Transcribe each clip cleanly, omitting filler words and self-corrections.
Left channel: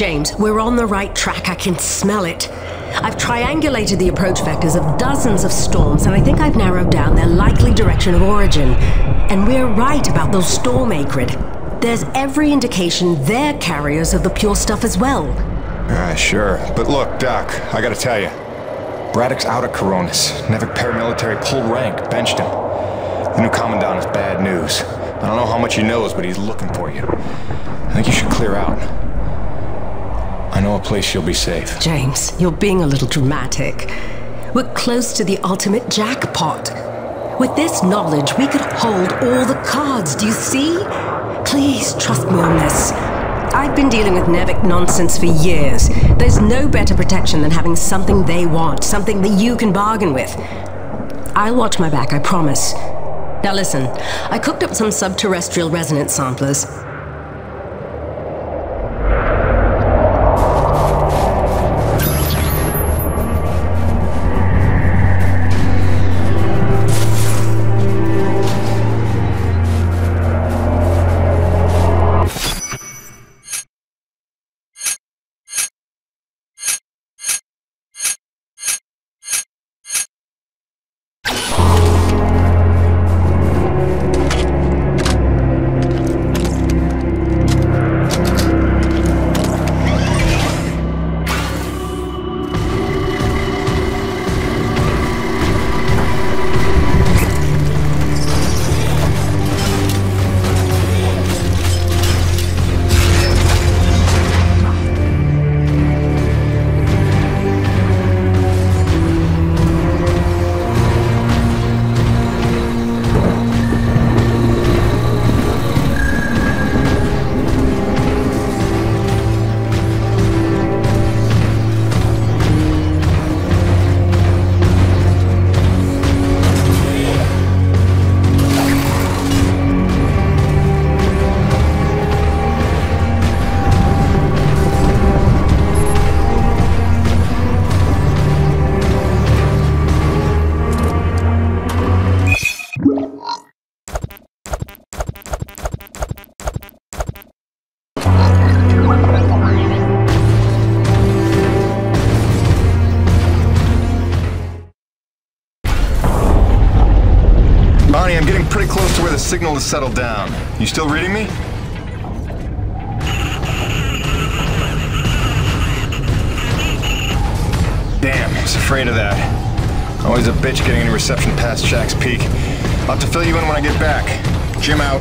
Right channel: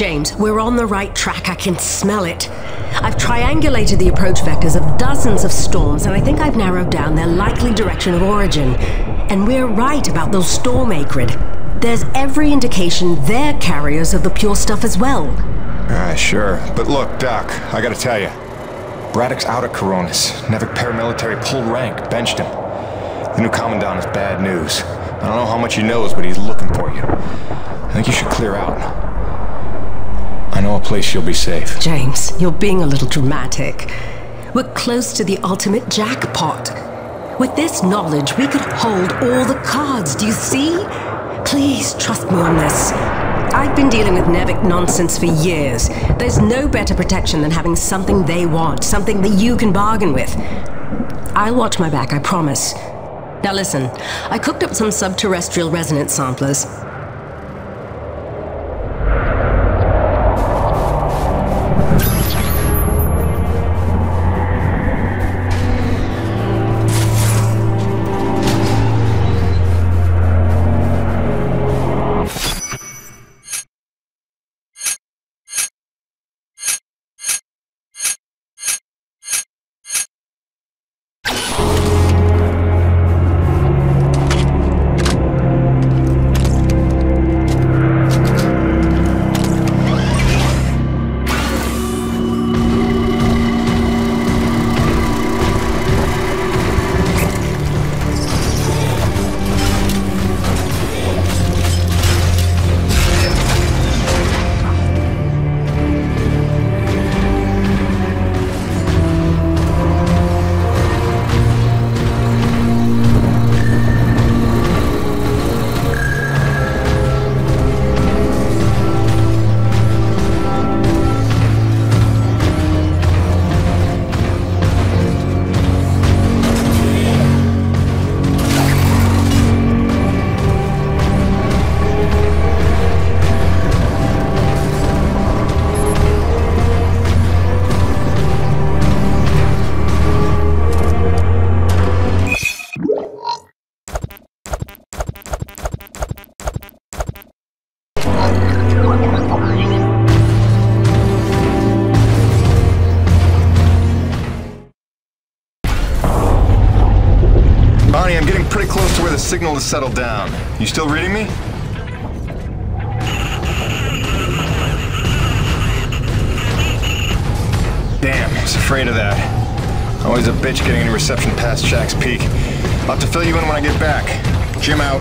James, we're on the right track. I can smell it. I've triangulated the approach vectors of dozens of storms, and I think I've narrowed down their likely direction of origin. And we're right about those storm Akrid. There's every indication they're carriers of the pure stuff as well. Sure. But look, Doc, I gotta tell you. Braddock's out of Coronis. NEVEC paramilitary pulled rank, benched him. The new commandant is bad news. I don't know how much he knows, but he's looking for you. I think you should clear out. I know a place you'll be safe. James, you're being a little dramatic. We're close to the ultimate jackpot. With this knowledge, we could hold all the cards, do you see? Please trust me on this. I've been dealing with NEVEC nonsense for years. There's no better protection than having something they want, something that you can bargain with. I'll watch my back, I promise. Now listen, I cooked up some subterrestrial resonance samplers. I'm getting pretty close to where the signal has settled down. You still reading me? Damn, I was afraid of that. Always a bitch getting any reception past Shack's Peak. I'll have to fill you in when I get back. Jim out.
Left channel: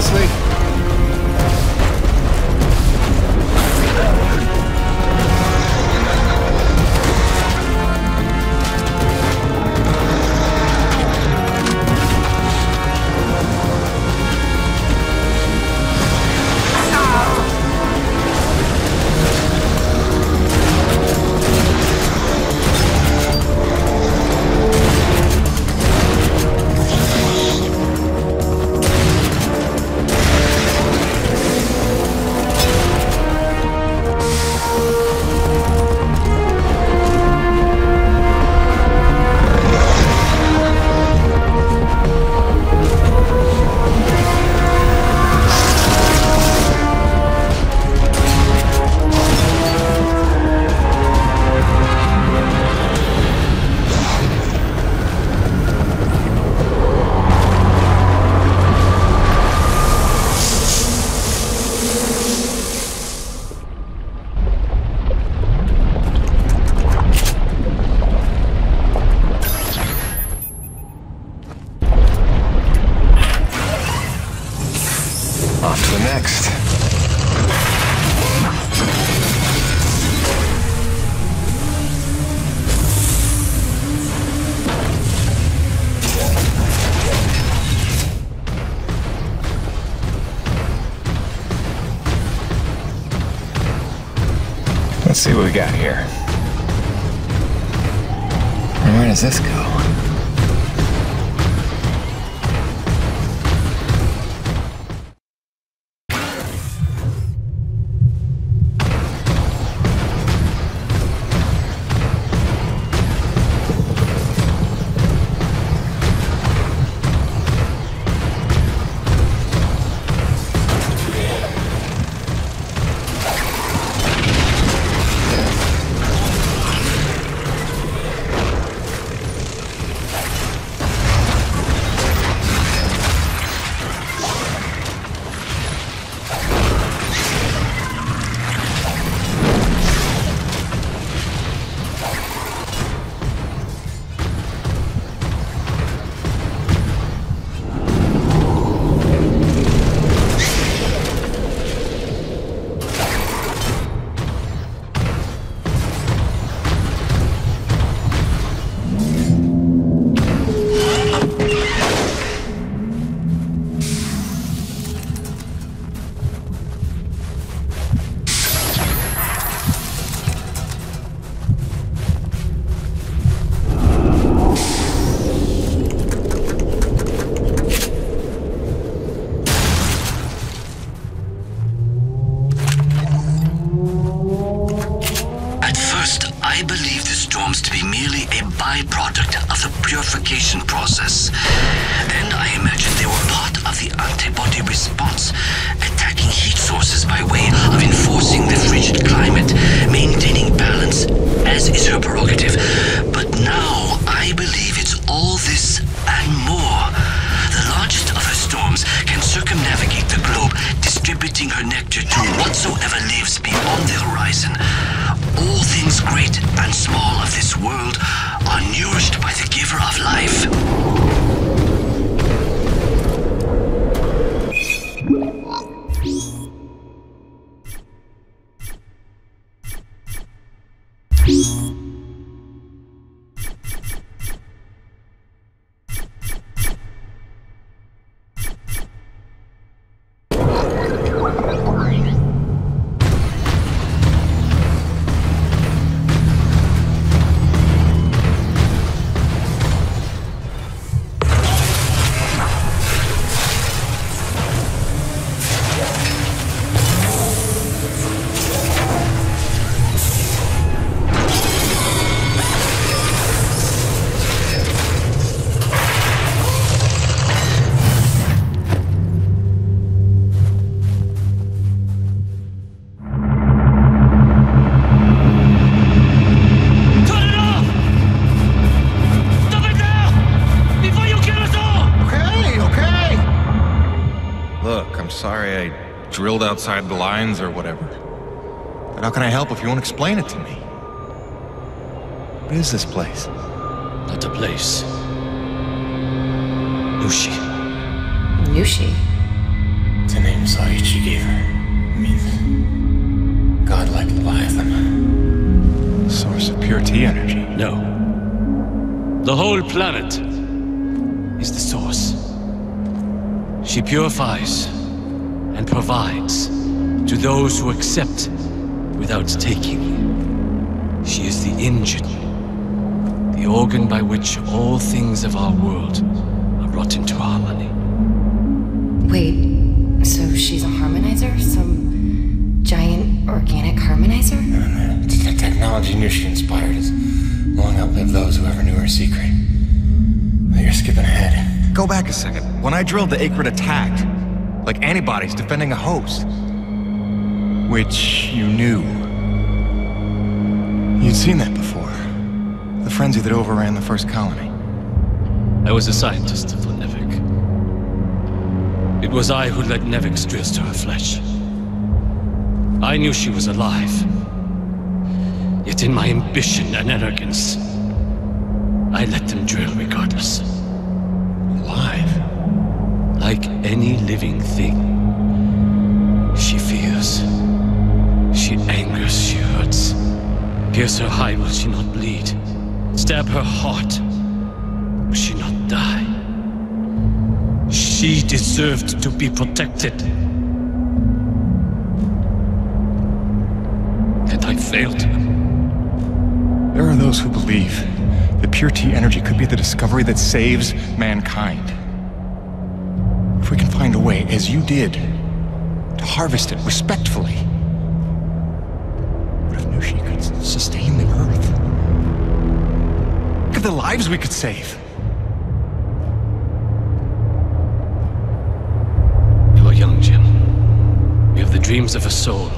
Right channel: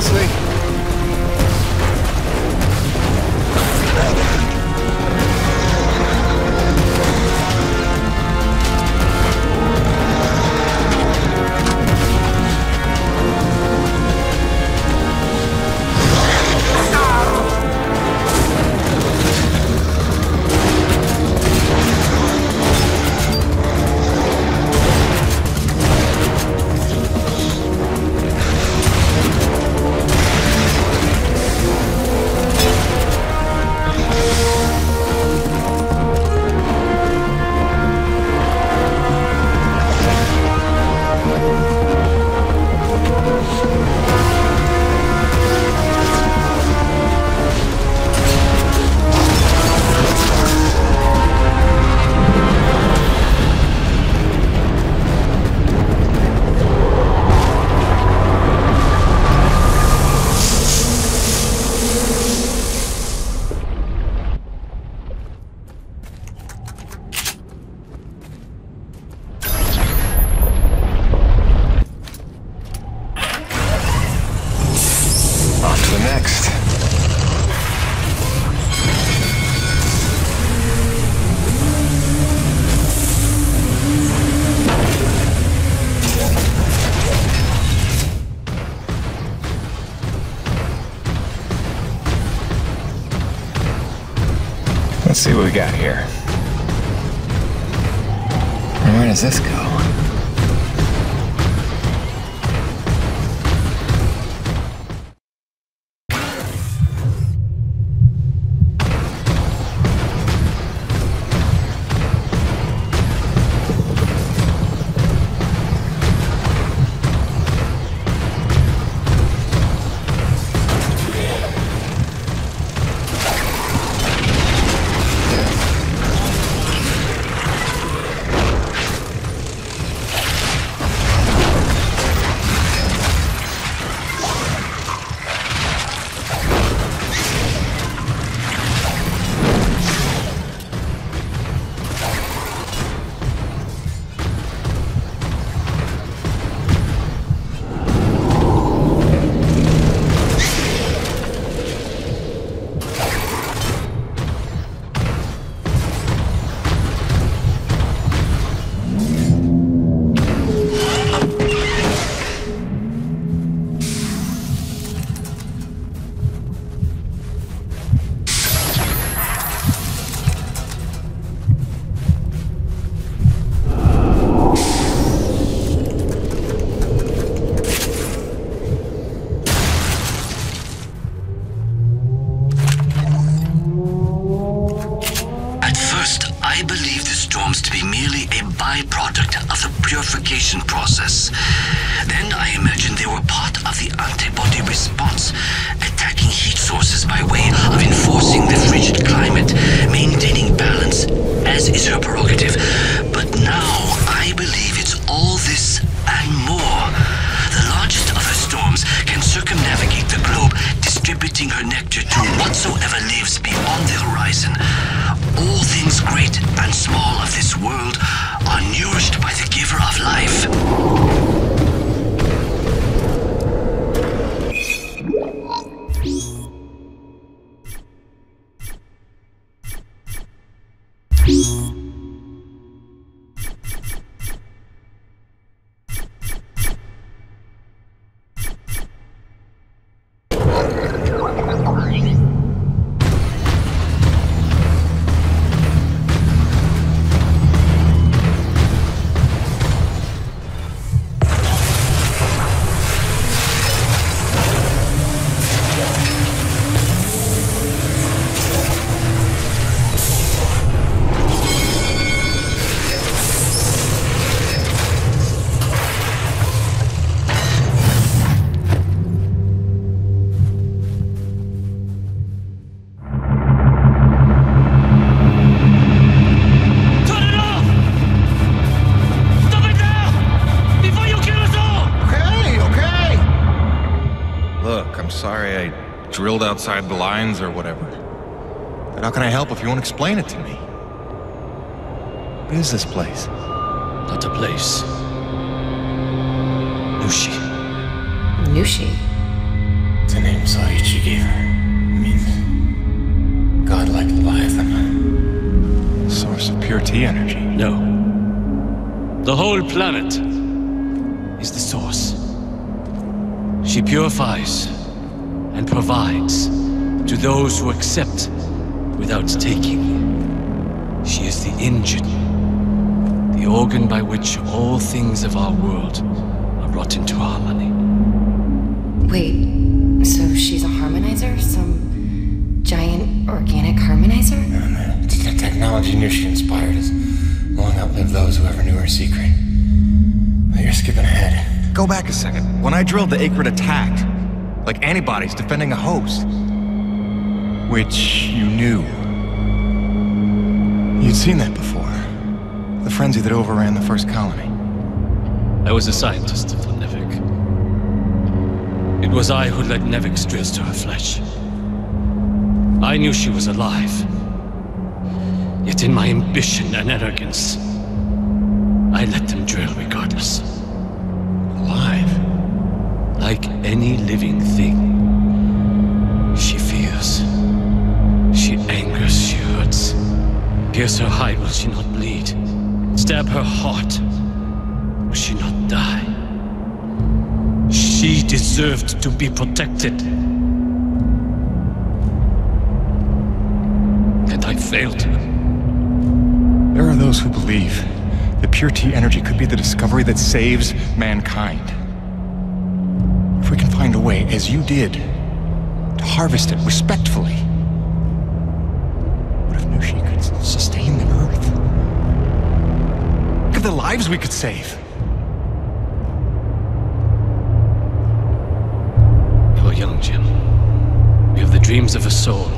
Seriously? Let's see what we got here. And where does this go? I believe the storms to be merely a byproduct of the purification process. Then I imagined they were part of the antibody response, attacking heat sources by way of enforcing the frigid climate, maintaining balance, as is her prerogative. But now I believe it's all this and more. The largest of her storms can circumnavigate the globe, distributing her nectar to whatsoever lives beyond the horizon. All things great and small of this world are nourished by the giver of life. Sorry I drilled outside the lines or whatever. But how can I help if you won't explain it to me? What is this place? Not a place. Nushi. Nushi? Mom saw you, she gave her. I mean, godlike Leviathan. Source of pure T energy. No. The whole planet is the source. She purifies and provides to those who accept without taking. She is the engine, the organ by which all things of our world are brought into harmony. Wait, so she's a harmonizer? Some giant organic harmonizer? No. The technology knew she inspired us. Long outlive those who ever knew her secret. But you're skipping ahead. Go back a second. When I drilled, the Akrid attacked. Like antibodies defending a host. Which you knew. You'd seen that before. The frenzy that overran the first colony. I was a scientist for NEVEC. It was I who led NEVEC's drills to her flesh. I knew she was alive. Yet in my ambition and arrogance, I let them drill regardless. Alive? Like any living thing. She fears. She angers, she hurts. Pierce her hide, will she not bleed? Stab her heart, will she not die? She deserved to be protected. And I failed her. There are those who believe that pure T energy could be the discovery that saves mankind. If we can find a way, as you did, to harvest it respectfully. What if Nushi could sustain the Earth? Look at the lives we could save. You are young, Jim. You have the dreams of a soul,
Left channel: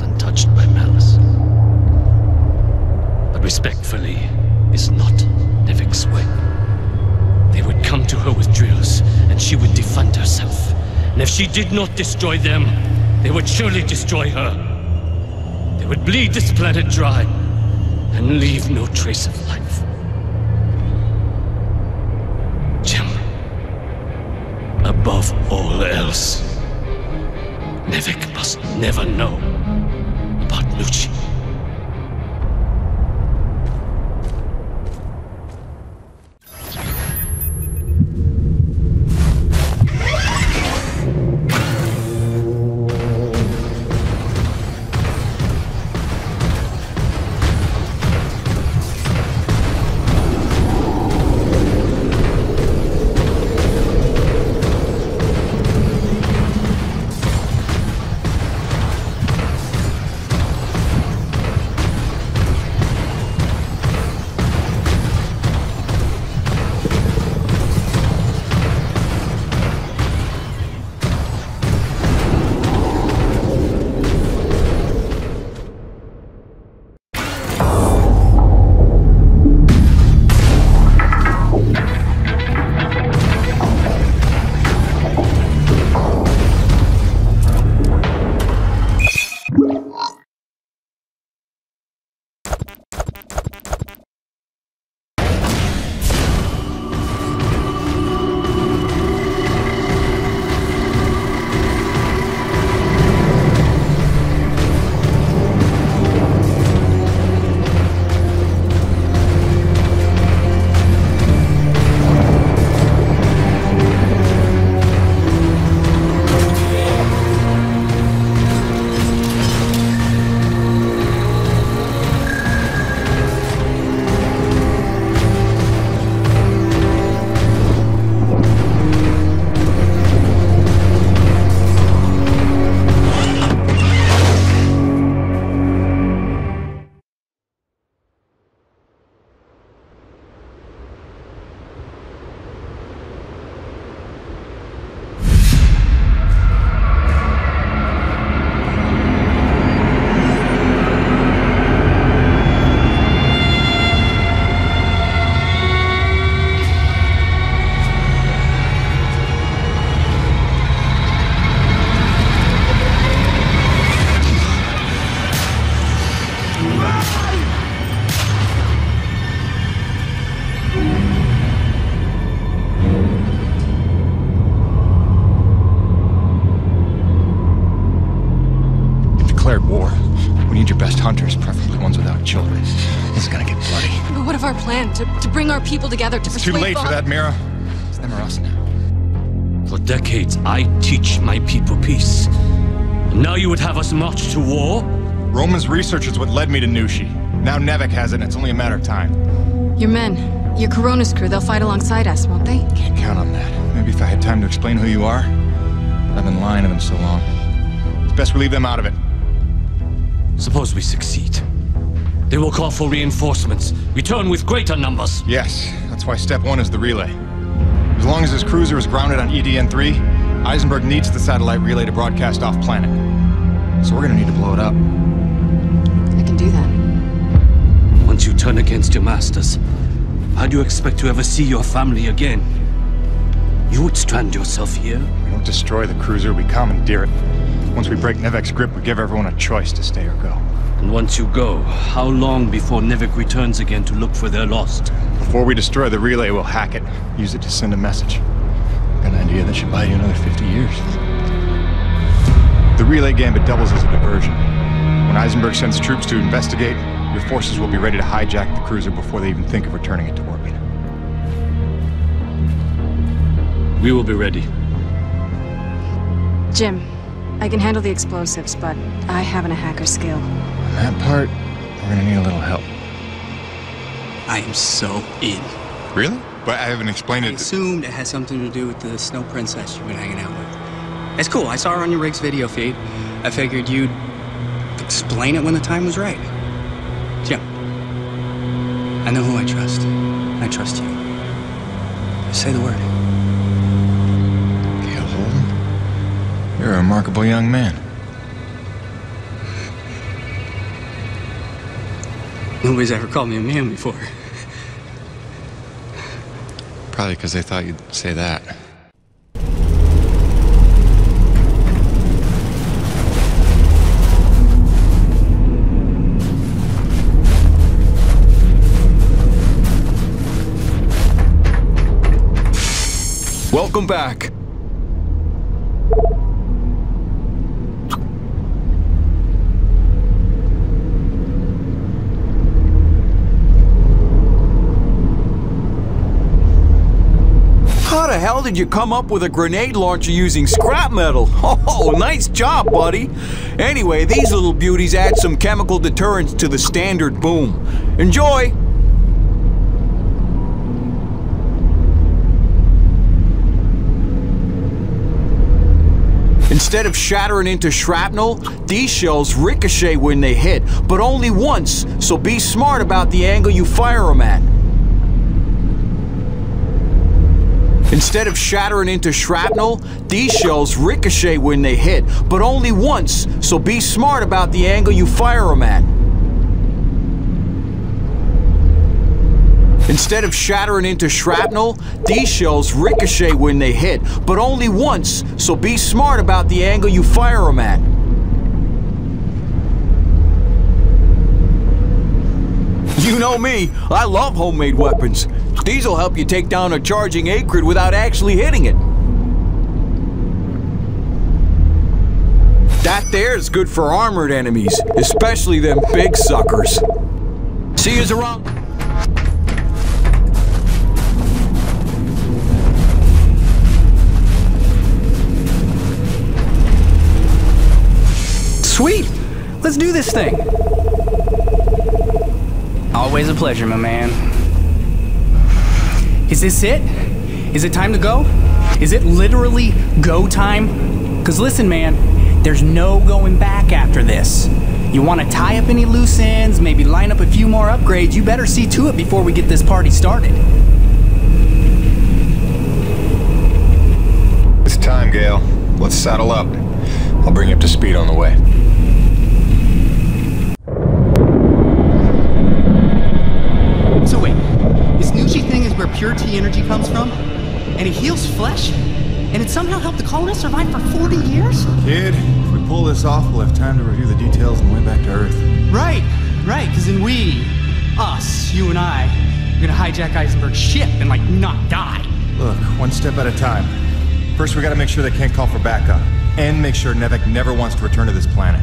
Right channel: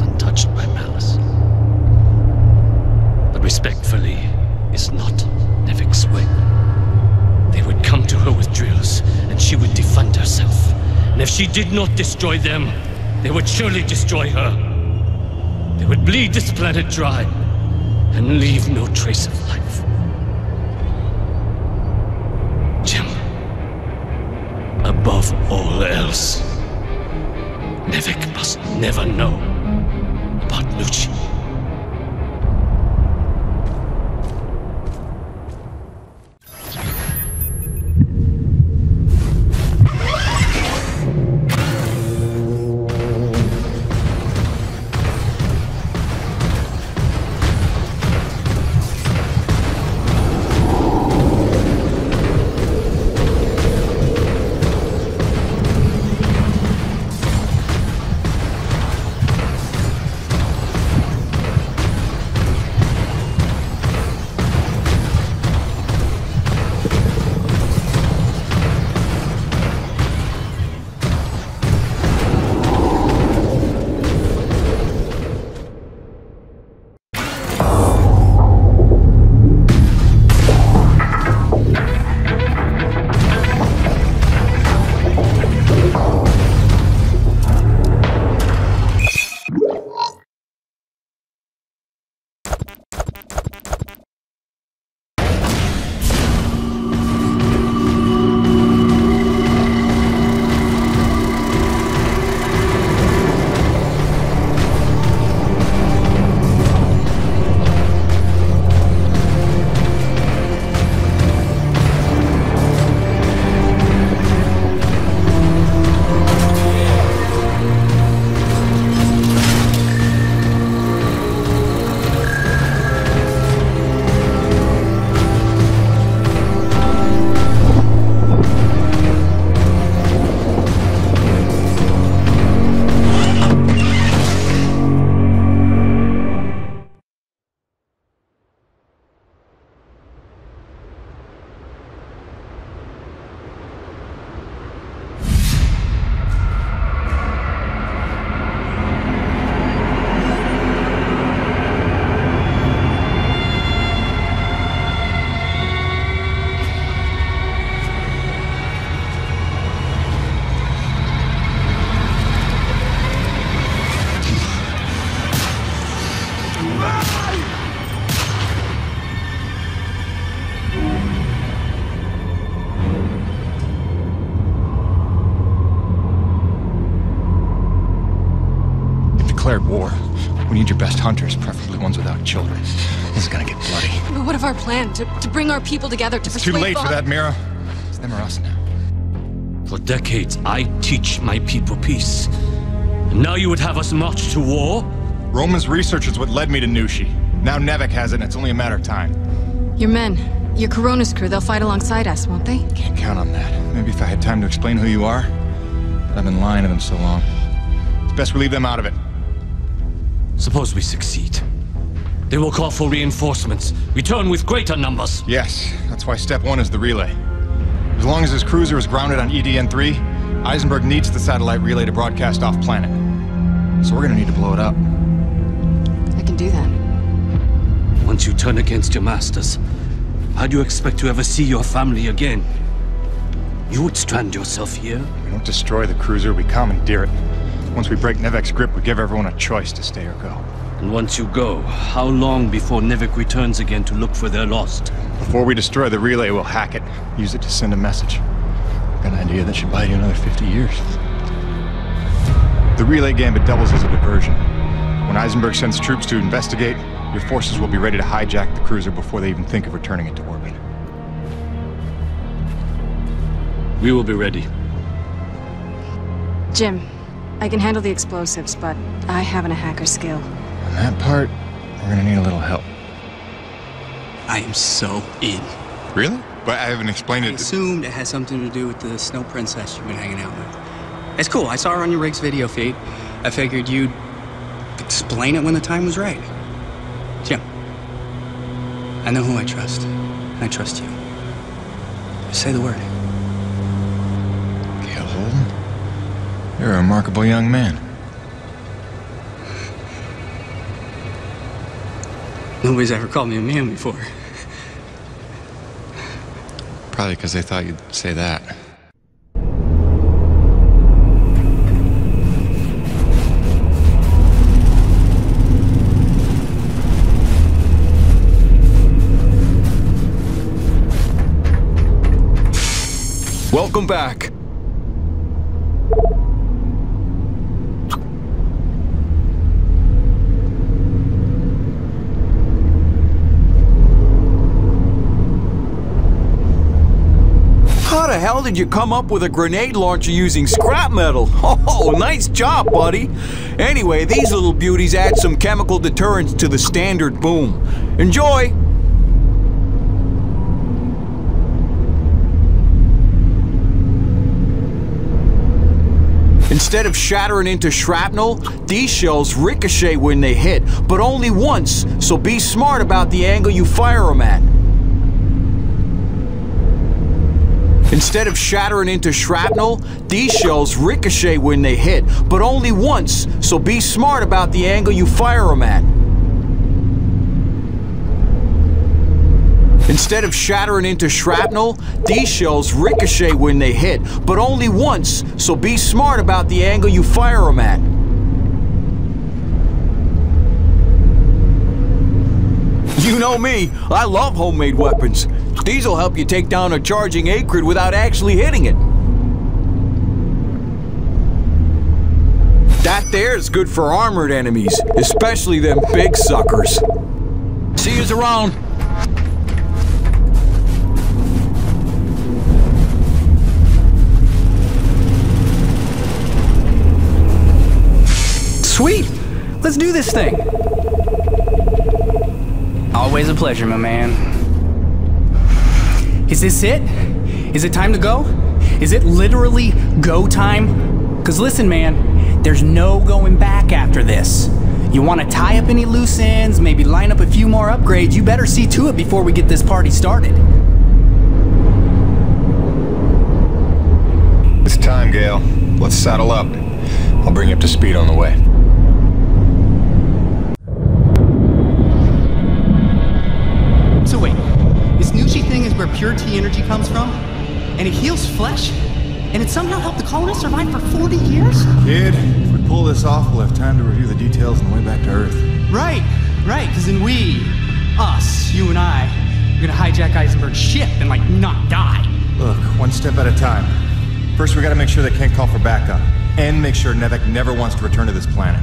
untouched by malice. But respectfully is not NEVEC's way. They would come to her with drills, and she would defend herself. And if she did not destroy them, they would surely destroy her. They would bleed this planet dry, and leave no trace of life. Jim, above all else, NEVEC must never know about Nushi. declared war. We need your best hunters, preferably ones without children. This is gonna get bloody. But what of our plan? To bring our people together to It's too late for that, Mira. It's them or us now. For decades, I teach my people peace. And now you would have us march to war? Roman's research is what led me to Nushi. Now NEVEC has it, and it's only a matter of time. Your men, your Coronis crew, they'll fight alongside us, won't they? Can't count on that. Maybe if I had time to explain who you are. But I've been lying to them so long. It's best we leave them out of it. Suppose we succeed. They will call for reinforcements. Return with greater numbers. Yes, that's why step one is the relay. As long as his cruiser is grounded on E.D.N 3, Eisenberg needs the satellite relay to broadcast off-planet. So we're gonna need to blow it up. I can do that. Once you turn against your masters, how do you expect to ever see your family again? You would strand yourself here? We don't destroy the cruiser, we commandeer it. Once we break NEVEC's grip, we give everyone a choice to stay or go. And once you go, how long before NEVEC returns again to look for their lost? Before we destroy the relay, we'll hack it. Use it to send a message. Got an idea that should buy you another 50 years. The relay gambit doubles as a diversion. When Eisenberg sends troops to investigate, your forces will be ready to hijack the cruiser before they even think of returning it to orbit. We will be ready. Jim, I can handle the explosives, but I haven't a hacker skill. On that part, we're gonna need a little help. I am so in. Really? But I haven't explained I it. assumed it has something to do with the snow princess you've been hanging out with. It's cool. I saw her on your rig's video feed. I figured you'd explain it when the time was right. Jim, I know who I trust. I trust you. Just say the word. Gale Holden? You're a remarkable young man. Nobody's ever called me a man before. Probably because they thought you'd say that. Welcome back. How the hell did you come up with a grenade launcher using scrap metal? Oh, nice job, buddy. Anyway, these little beauties add some chemical deterrents to the standard boom. Enjoy! Instead of shattering into shrapnel, these shells ricochet when they hit, but only once, so be smart about the angle you fire them at. Instead of shattering into shrapnel, these shells ricochet when they hit, but only once, so be smart about the angle you fire them at. Instead of shattering into shrapnel, these shells ricochet when they hit, but only once, so be smart about the angle you fire them at. You know me, I love homemade weapons. These'll help you take down a charging Akrid without actually hitting it. That there's good for armored enemies, especially them big suckers. See yous around. Sweet! Let's do this thing! Always a pleasure, my man. Is this it? Is it time to go? Is it literally go time? 'Cause listen, man, there's no going back after this. You want to tie up any loose ends, maybe line up a few more upgrades, you better see to it before we get this party started. It's time, Gale. Let's saddle up. I'll bring you up to speed on the way. So wait, this Nushi thing is where pure T energy comes from? And it heals flesh? And it somehow helped the colonists survive for 40 years? Kid, if we pull this off, we'll have time to review the details on the way back to Earth. Right, because then we, us, you and I, are gonna hijack Eisenberg's ship and, like, not die. Look, one step at a time. First, we gotta make sure they can't call for backup. And make sure NEVEC never wants to return to this planet.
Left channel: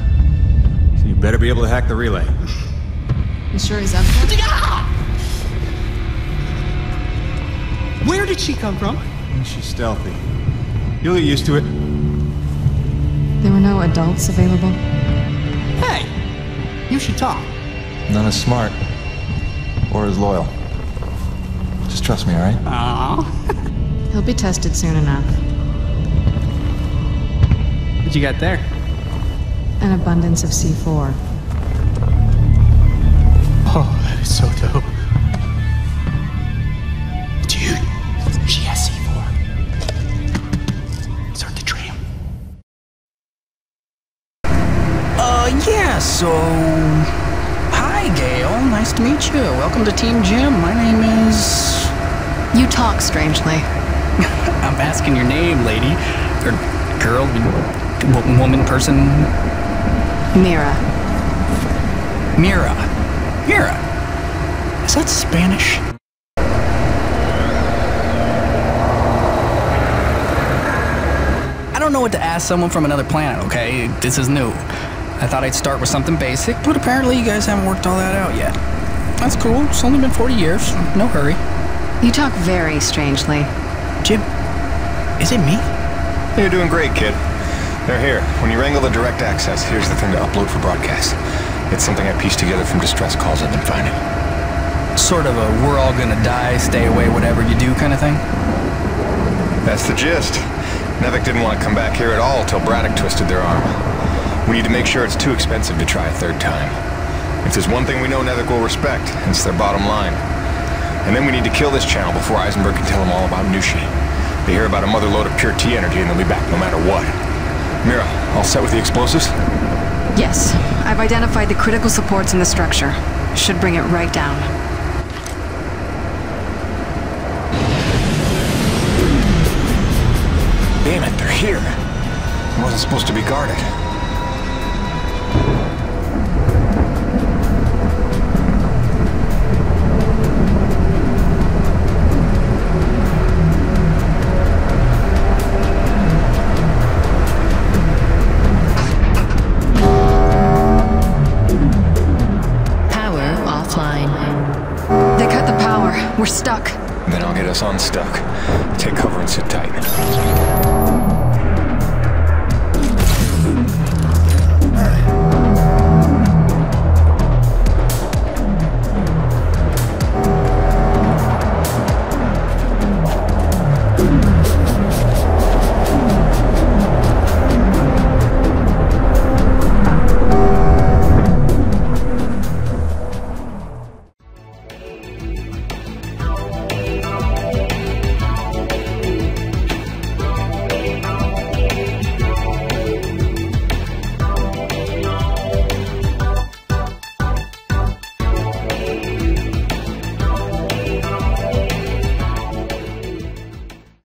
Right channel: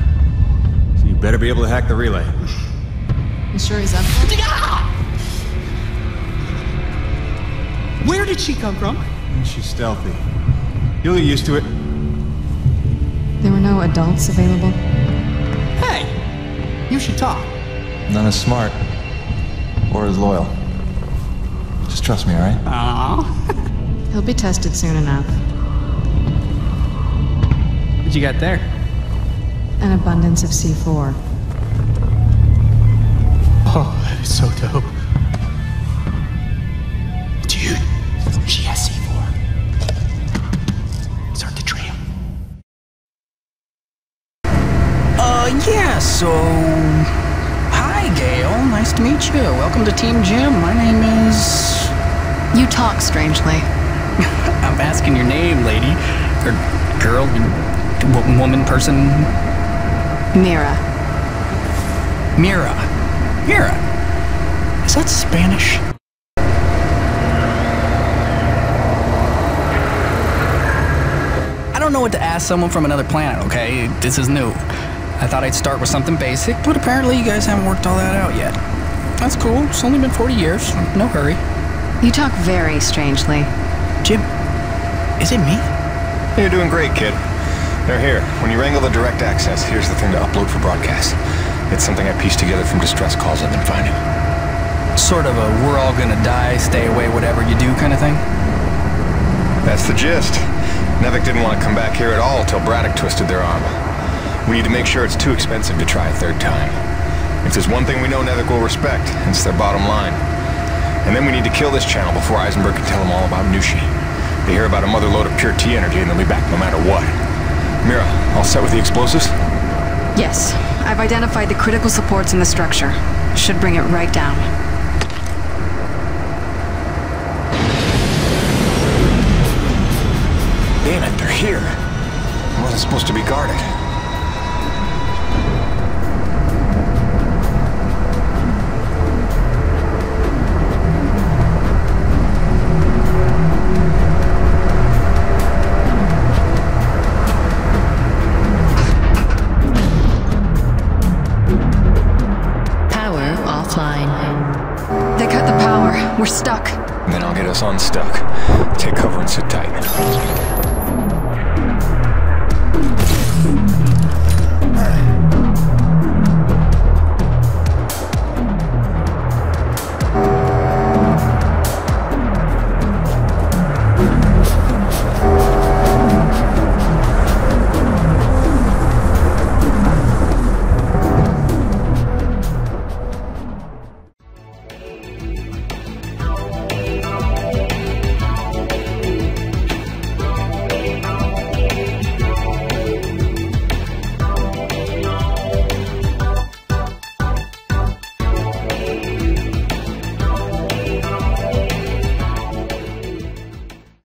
You better be able to hack the relay. You sure he's up for it? Where did she come from? She's stealthy. You'll get used to it. There were no adults available? Hey, you should talk. None as smart. Or as loyal. Just trust me, alright? Aww. He'll be tested soon enough. What you got there? An abundance of C4. Oh, that is so dope. Dude, she has C4. Start the tram. Yeah, so... Hi, Gail. Nice to meet you. Welcome to Team Jim. My name is... You talk strangely. I'm asking your name, lady. Or girl, woman, person... Mira. Mira. Mira. Is that Spanish? I don't know what to ask someone from another planet, okay? This is new. I thought I'd start with something basic, but apparently you guys haven't worked all that out yet. That's cool. It's only been 40 years. No hurry. You talk very strangely. Jim, is it me? You're doing great, kid. They're here. When you wrangle the direct access, here's the thing to upload for broadcast. It's something I pieced together from distress calls I've been finding. Sort of a we're all gonna die, stay away, whatever you do kind of thing? That's the gist. NEVEC didn't want to come back here at all till Braddock twisted their arm. We need to make sure it's too expensive to try a third time. If there's one thing we know NEVEC will respect, it's their bottom line. And then we need to kill this channel before Eisenberg can tell them all about Nushi. They hear about a mother load of pure T energy and they'll be back no matter what. Mira, all set with the explosives? Yes. I've identified the critical supports in the structure. Should bring it right down. Damn it, they're here. It wasn't supposed to be guarded. Power offline. They cut the power. We're stuck. Then I'll get us unstuck. Take cover and sit tight.